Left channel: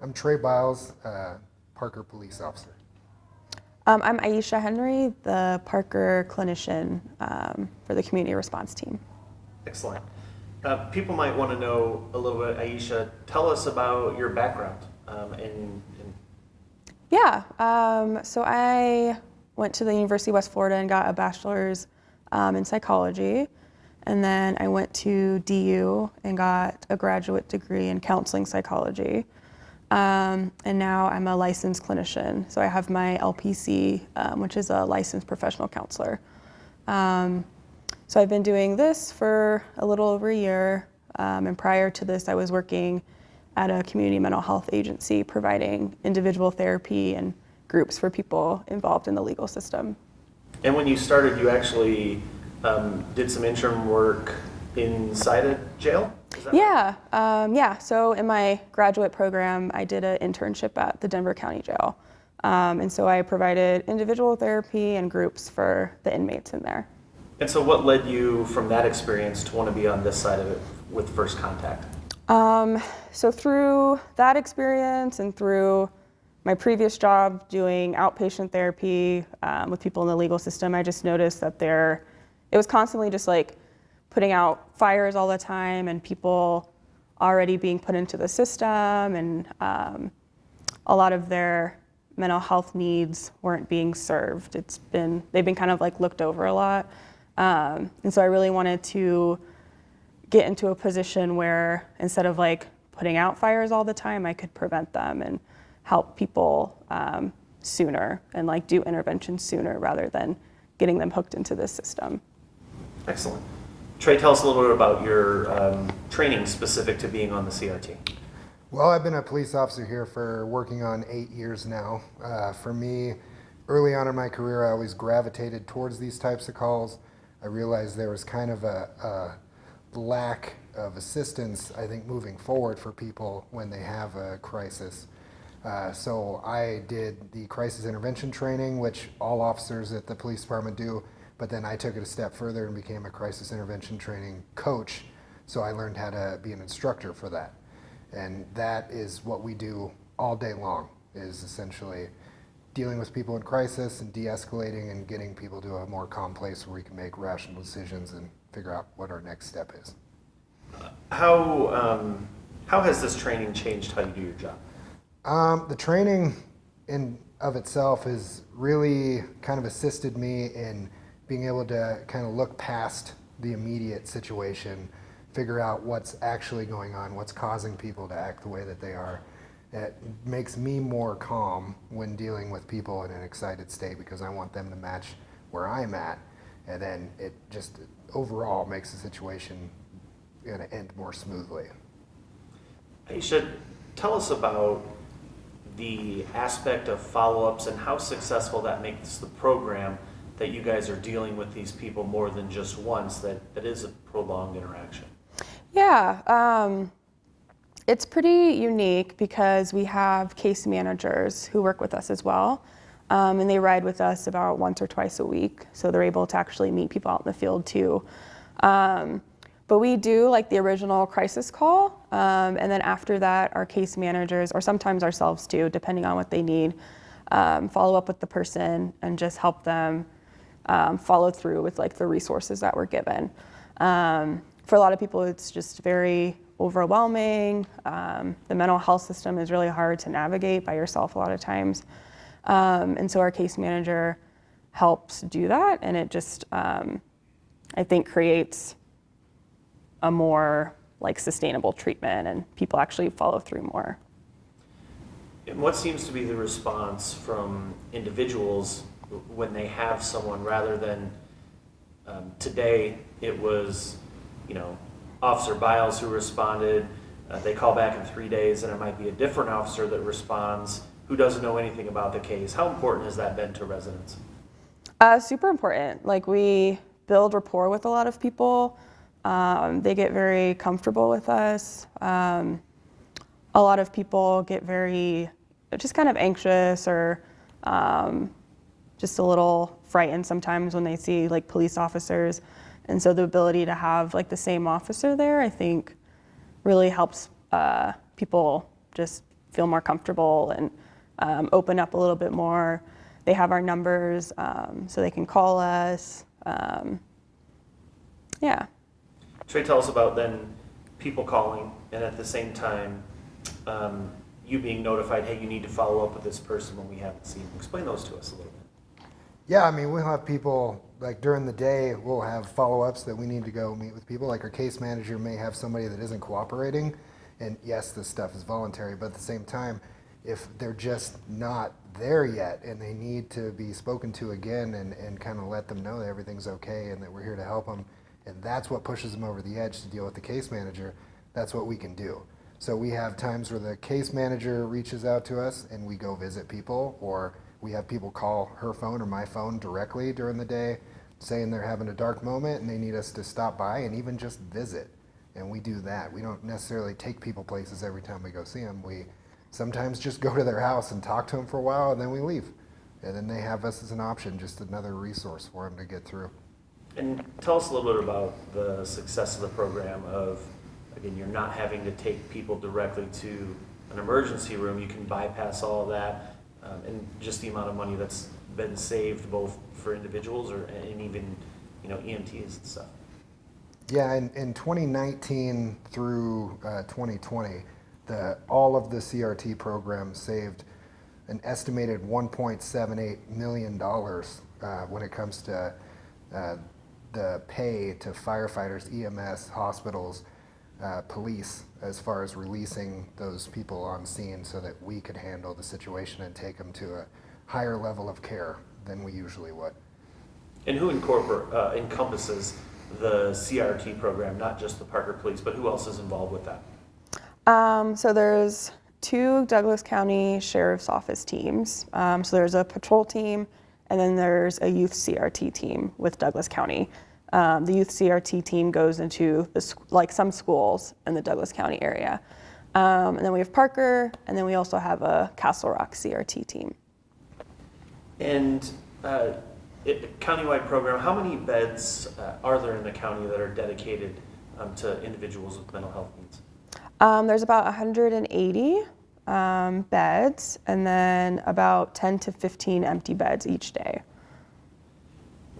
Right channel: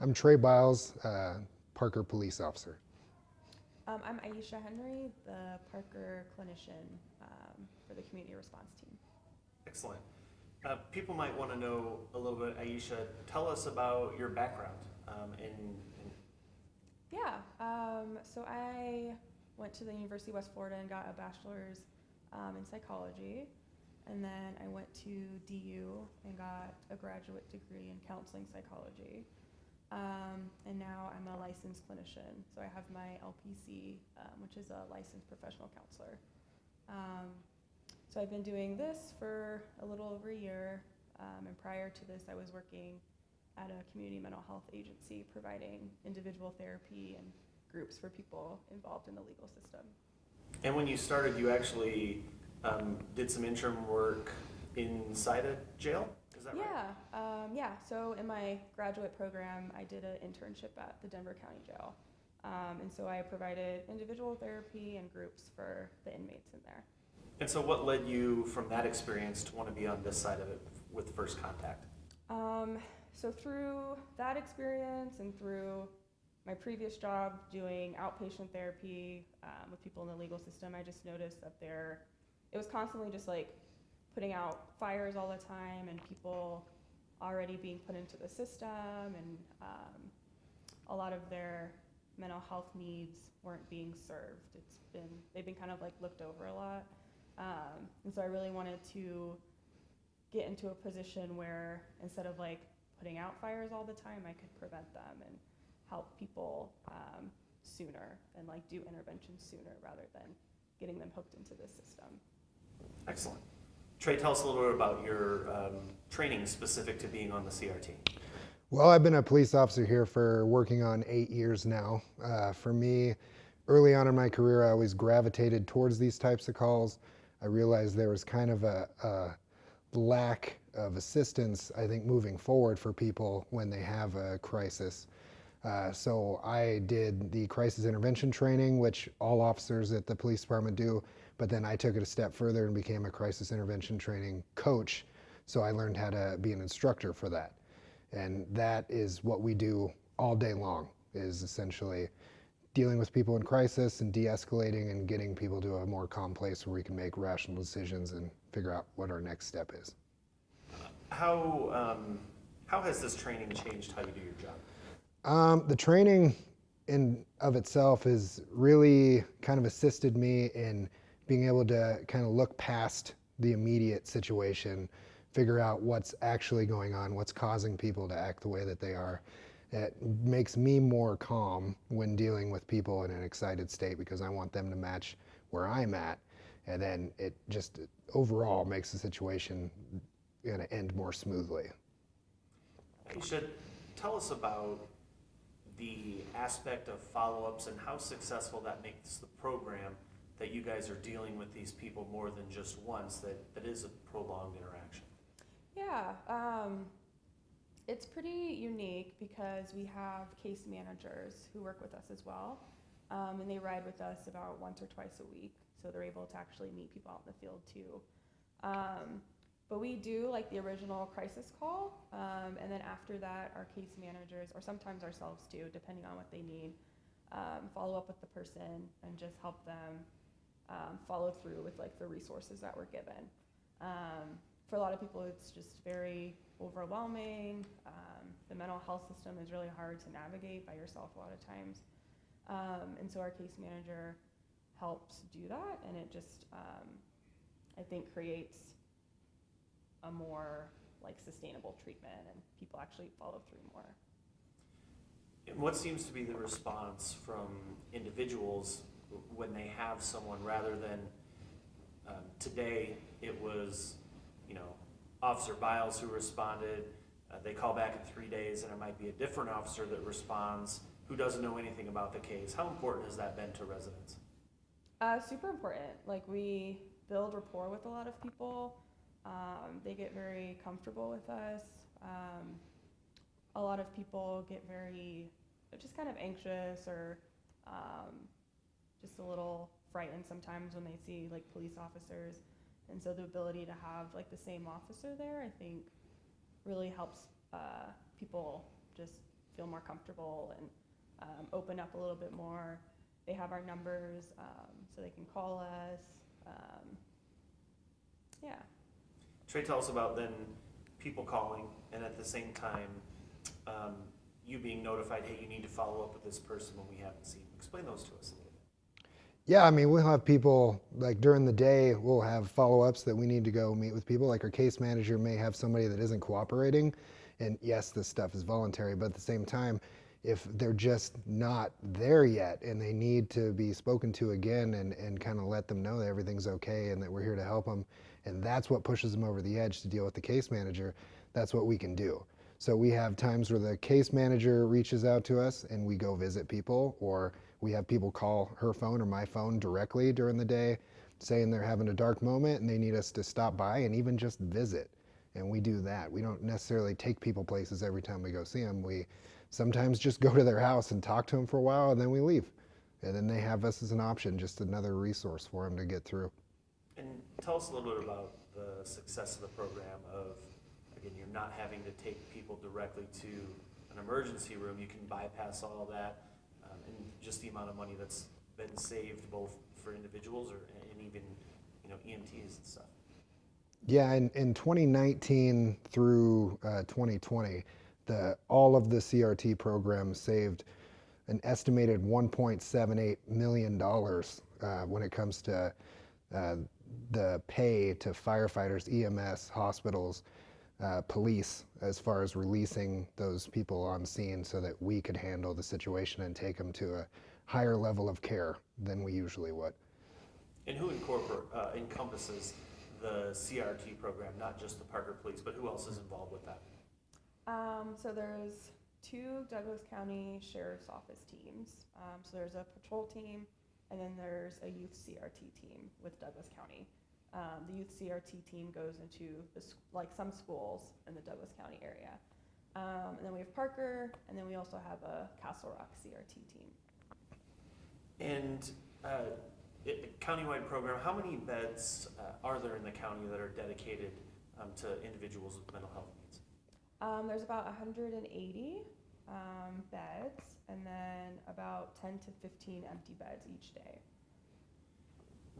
I'm Trey Biles, Parker police officer. I'm Aisha Henry, the Parker clinician for the community response team. Excellent. People might want to know a little bit, Aisha, tell us about your background. Yeah, so I went to the University of West Florida and got a bachelor's in psychology. And then I went to DU and got a graduate degree in counseling psychology. And now I'm a licensed clinician. So I have my LPC, which is a licensed professional counselor. So I've been doing this for a little over a year. And prior to this, I was working at a community mental health agency providing individual therapy and groups for people involved in the legal system. And when you started, you actually did some interim work inside a jail? Is that right? Yeah. So in my graduate program, I did an internship at the Denver County Jail. And so I provided individual therapy and groups for the inmates in there. And so what led you from that experience to want to be on this side of it with First Contact? So through that experience and through my previous job doing outpatient therapy with people in the legal system, I just noticed that it was constantly just like putting out fires all the time and people already being put into the system, and a lot of their mental health needs weren't being served. They've been kind of like looked over a lot. And so I really wanted to get into a position where instead of like putting out fires all the time, I could prevent them and help people sooner and like do intervention sooner rather than getting them hooked into this system. Excellent. Trey, tell us a little bit about your training specific to being on the CRT. Well, I've been a police officer here for working on 8 years now. For me, early on in my career, I always gravitated towards these types of calls. I realized there was kind of a lack of assistance, I think, moving forward for people when they have a crisis. So I did the crisis intervention training, which all officers at the police department do, but then I took it a step further and became a crisis intervention training coach. So I learned how to be an instructor for that. And that is what we do all day long, is essentially dealing with people in crisis and de-escalating and getting people to a more calm place where we can make rational decisions and figure out what our next step is. How has this training changed how you do your job? The training in of itself has really kind of assisted me in being able to kind of look past the immediate situation, figure out what's actually going on, what's causing people to act the way that they are. It makes me more calm when dealing with people in an excited state because I want them to match where I'm at, and then it just overall makes the situation going to end more smoothly. Aisha, tell us about the aspect of follow-ups and how successful that makes the program that you guys are dealing with these people more than just once, that is a prolonged interaction. Yeah, it's pretty unique because we have case managers who work with us as well, and they ride with us about once or twice a week, so they're able to actually meet people out in the field too. But we do like the original crisis call, and then after that, our case managers, or sometimes ourselves too, depending on what they need, follow up with the person and just help them follow through with like the resources that we're given. For a lot of people, it's just very overwhelming. The mental health system is really hard to navigate by yourself a lot of times. And so our case manager helps do that, and it just, I think, creates a more like sustainable treatment and people actually follow through more. And what seems to be the response from individuals when they have someone, rather than today it was, Officer Biles who responded, they call back in 3 days and it might be a different officer that responds who doesn't know anything about the case. How important has that been to residents? Super important. Like, we build rapport with a lot of people. They get very comfortable with us. A lot of people get very just kind of anxious or just a little frightened sometimes when they see like police officers. And so the ability to have like the same officer there, I think, really helps people just feel more comfortable and open up a little bit more. They have our numbers, so they can call us. Yeah. Trey, tell us about then people calling and at the same time you being notified, hey, you need to follow up with this person when we haven't seen them. Explain those to us a little bit. Yeah, I mean, we'll have people, like during the day, we'll have follow-ups that we need to go meet with people. Like our case manager may have somebody that isn't cooperating, and yes, this stuff is voluntary, but at the same time, if they're just not there yet and they need to be spoken to again and kind of let them know that everything's okay and that we're here to help them, and that's what pushes them over the edge to deal with the case manager, that's what we can do. So we have times where the case manager reaches out to us and we go visit people, or we have people call her phone or my phone directly during the day saying they're having a dark moment and they need us to stop by and even just visit. And we do that. We don't necessarily take people places every time we go see them. We sometimes just go to their house and talk to them for a while and then we leave. And then they have us as an option, just another resource for them to get through. And tell us a little bit about the success of the program of, again, you're not having to take people directly to an emergency room. You can bypass all of that. And just the amount of money that's been saved both for individuals and even EMTs and stuff. Yeah, in 2019 through 2020, all of the CRT programs saved an estimated $1.78 million when it comes to the pay to firefighters, EMS, hospitals, police, as far as releasing those people on scene so that we could handle the situation and take them to a higher level of care than we usually would. And who encompasses the CRT program, not just the Parker Police, but who else is involved with that? So there's 2 Douglas County Sheriff's Office teams. So there's a patrol team, and then there's a youth CRT team with Douglas County. The youth CRT team goes into some schools in the Douglas County area. And then we have Parker, and then we also have a Castle Rock CRT team. And countywide program, how many beds are there in the county that are dedicated to individuals with mental health needs? There's about 180 beds, and then about 10 to 15 empty beds each day.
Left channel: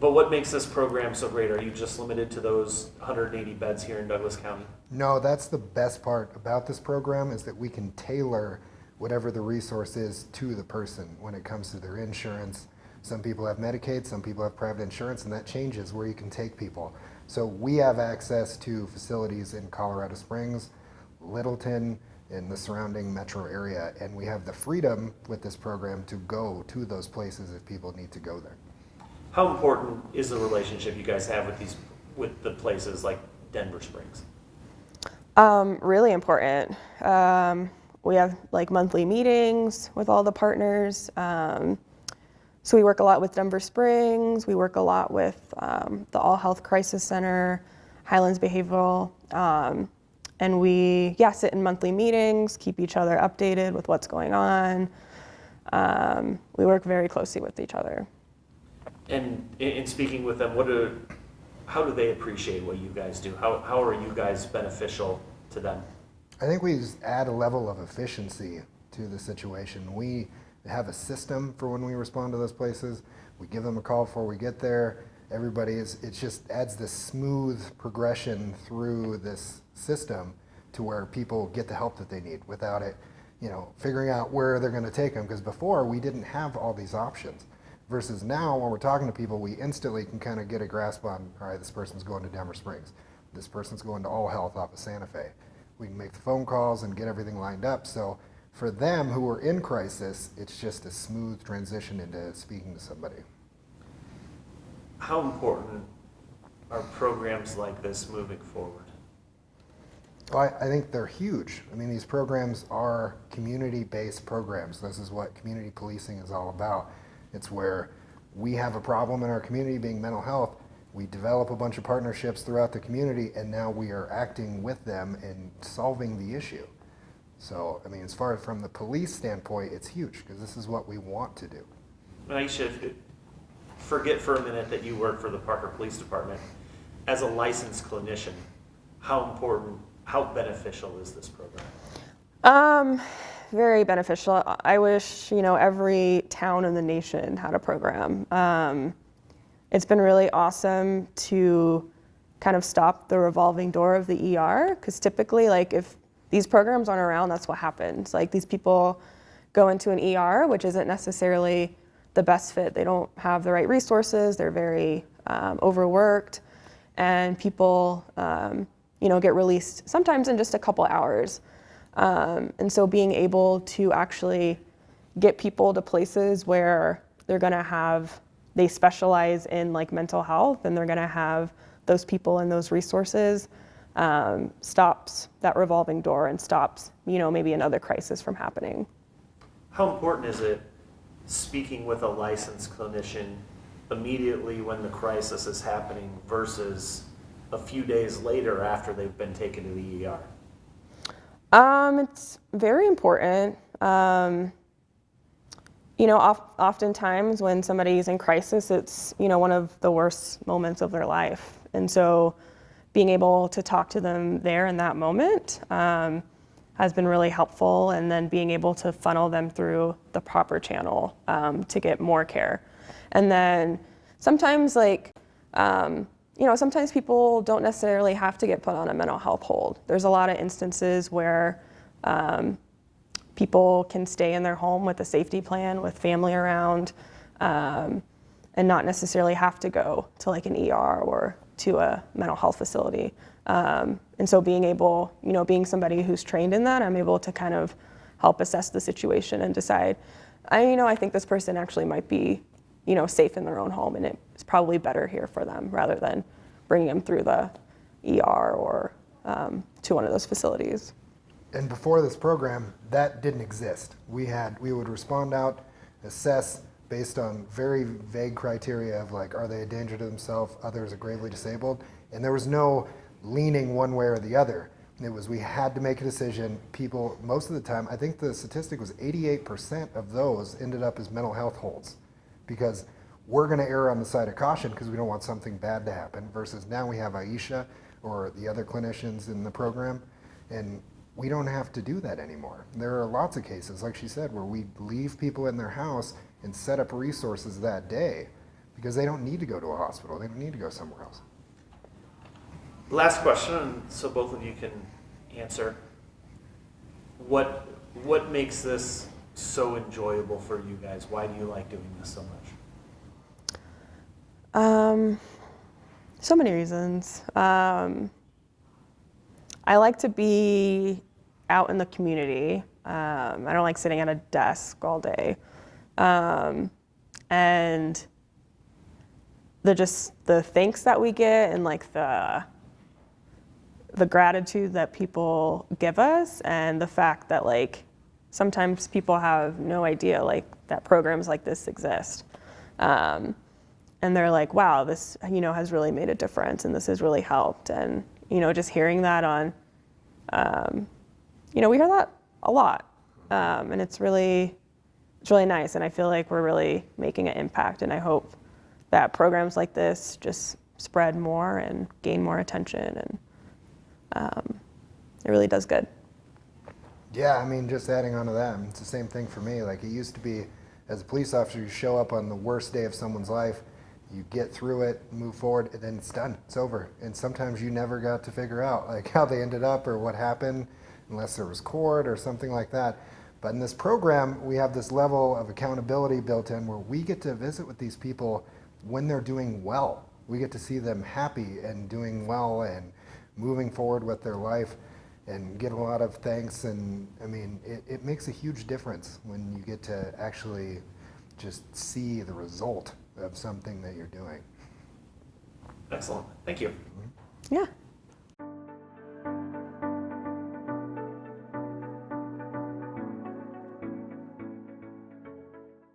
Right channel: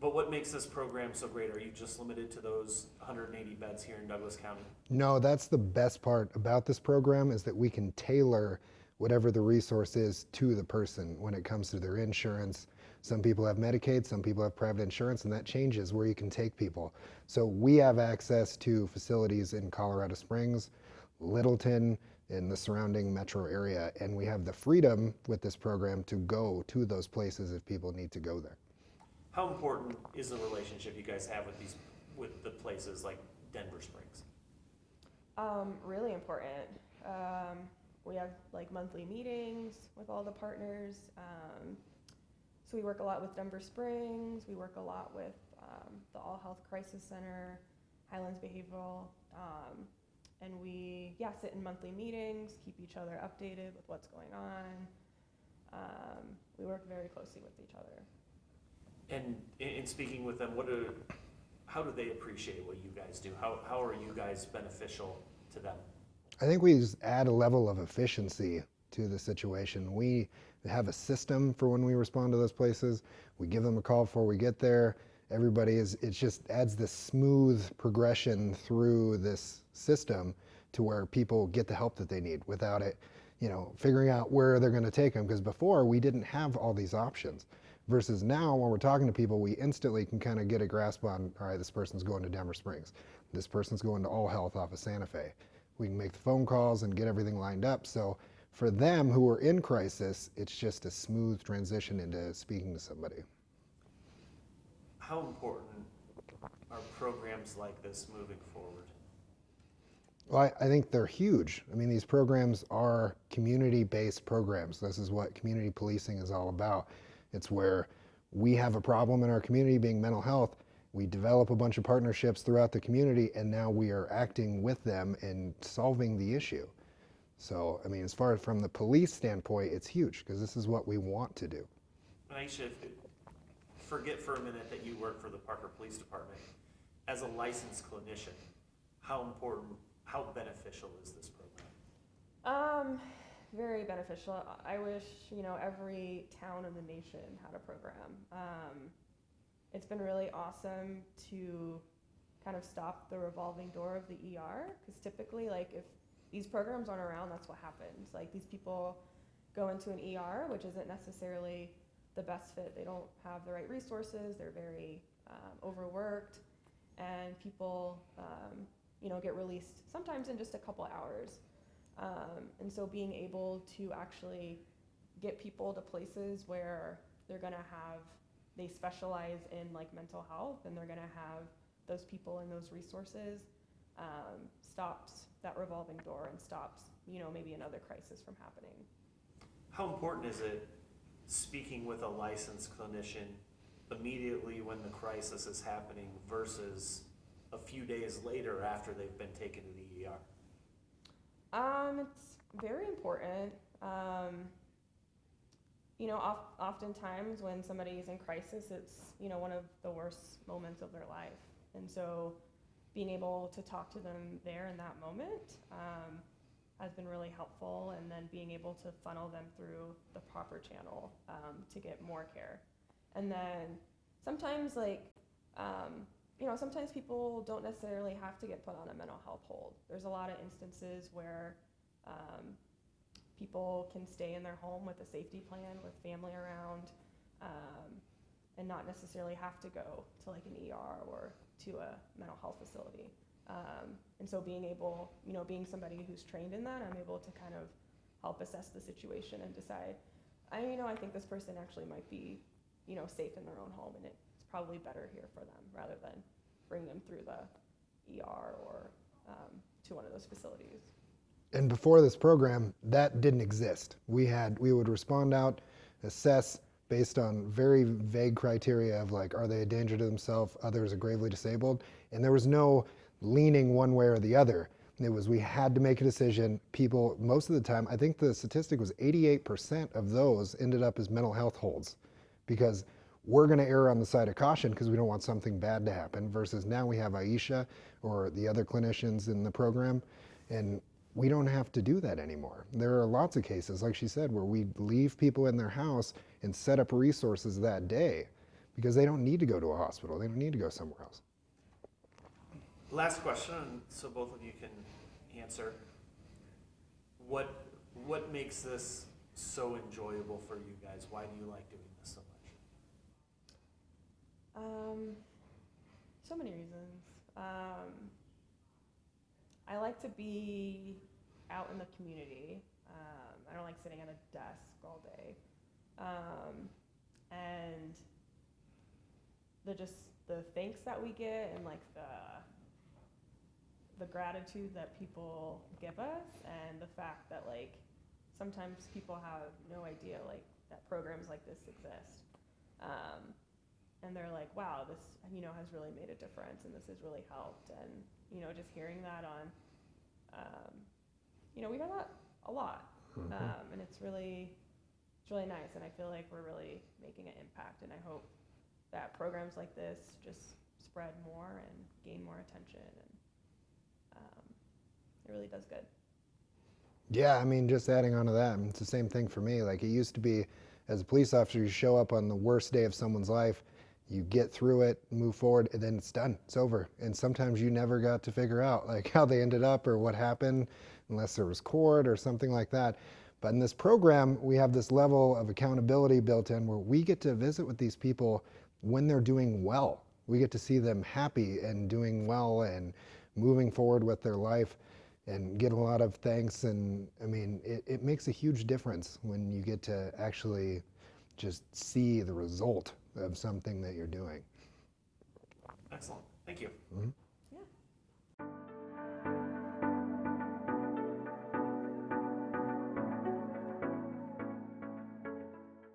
But what makes this program so great? Are you just limited to those 180 beds here in Douglas County? No, that's the best part about this program is that we can tailor whatever the resource is to the person when it comes to their insurance. Some people have Medicaid, some people have private insurance, and that changes where you can take people. So we have access to facilities in Colorado Springs, Littleton, in the surrounding metro area, and we have the freedom with this program to go to those places if people need to go there. How important is the relationship you guys have with the places like Denver Springs? Really important. We have monthly meetings with all the partners. So we work a lot with Denver Springs. We work a lot with the All Health Crisis Center, Highlands Behavioral, and we sit in monthly meetings, keep each other updated with what's going on. We work very closely with each other. And in speaking with them, how do they appreciate what you guys do? How are you guys beneficial to them? I think we add a level of efficiency to the situation. We have a system for when we respond to those places. We give them a call before we get there. It just adds this smooth progression through this system to where people get the help that they need without it, figuring out where they're going to take them. Because before we didn't have all these options. Versus now, when we're talking to people, we instantly can kind of get a grasp on, all right, this person's going to Denver Springs. This person's going to All Health off of Santa Fe. We can make the phone calls and get everything lined up. So for them who are in crisis, it's just a smooth transition into speaking to somebody. How important are programs like this moving forward? Well, I think they're huge. I mean, these programs are community-based programs. This is what community policing is all about. It's where we have a problem in our community being mental health. We develop a bunch of partnerships throughout the community, and now we are acting with them and solving the issue. So, I mean, as far as from the police standpoint, it's huge because this is what we want to do. Aisha, forget for a minute that you work for the Parker Police Department. As a licensed clinician, how beneficial is this program? very beneficial. I wish, every town in the nation had a program. It's been really awesome to kind of stop the revolving door of the ER, because typically, like, if these programs aren't around, that's what happens. Like, these people go into an ER, which isn't necessarily the best fit. They don't have the right resources. They're very overworked, and people, get released sometimes in just a couple hours. And so being able to actually get people to places where they specialize in like mental health, and they're gonna have those people and those resources, stops that revolving door and stops, maybe another crisis from happening. How important is it speaking with a licensed clinician immediately when the crisis is happening versus a few days later after they've been taken to the ER? It's very important. Oftentimes when somebody's in crisis, it's, one of the worst moments of their life. And so being able to talk to them there in that moment has been really helpful, and then being able to funnel them through the proper channel to get more care. And then sometimes, sometimes people don't necessarily have to get put on a mental health hold. There's a lot of instances where people can stay in their home with a safety plan, with family around, and not necessarily have to go to like an ER or to a mental health facility. And so being able, being somebody who's trained in that, I'm able to kind of help assess the situation and decide, I think this person actually might be, safe in their own home, and it's probably better here for them rather than bringing them through the ER or to one of those facilities. And before this program, that didn't exist. We would respond out, assess based on very vague criteria of like, are they a danger to themselves, others are gravely disabled, and there was no leaning one way or the other. It was, we had to make a decision. People, most of the time, I think the statistic was 88% of those ended up as mental health holds, because we're going to err on the side of caution because we don't want something bad to happen, versus now we have Aisha or the other clinicians in the program, and we don't have to do that anymore. There are lots of cases, like she said, where we leave people in their house and set up resources that day because they don't need to go to a hospital. They don't need to go somewhere else. Last question, so both of you can answer. What makes this so enjoyable for you guys? Why do you like doing this so much? So many reasons. I like to be out in the community. I don't like sitting at a desk all day. And the thanks that we get, and like the gratitude that people give us, and the fact that like sometimes people have no idea like that programs like this exist. And they're like, wow, this, has really made a difference, and this has really helped. And, just hearing that on, we hear that a lot. And it's really nice. And I feel like we're really making an impact. And I hope that programs like this just spread more and gain more attention. And it really does good. Yeah, just adding on to that, it's the same thing for me. Like, it used to be, as a police officer, you show up on the worst day of someone's life, you get through it, move forward, and then it's done. It's over. And sometimes you never got to figure out like how they ended up or what happened, unless there was court or something like that. But in this program, we have this level of accountability built in where we get to visit with these people when they're doing well. We get to see them happy and doing well and moving forward with their life, and get a lot of thanks. And it makes a huge difference when you get to actually just see the result of something that you're doing. Excellent. Thank you. Yeah.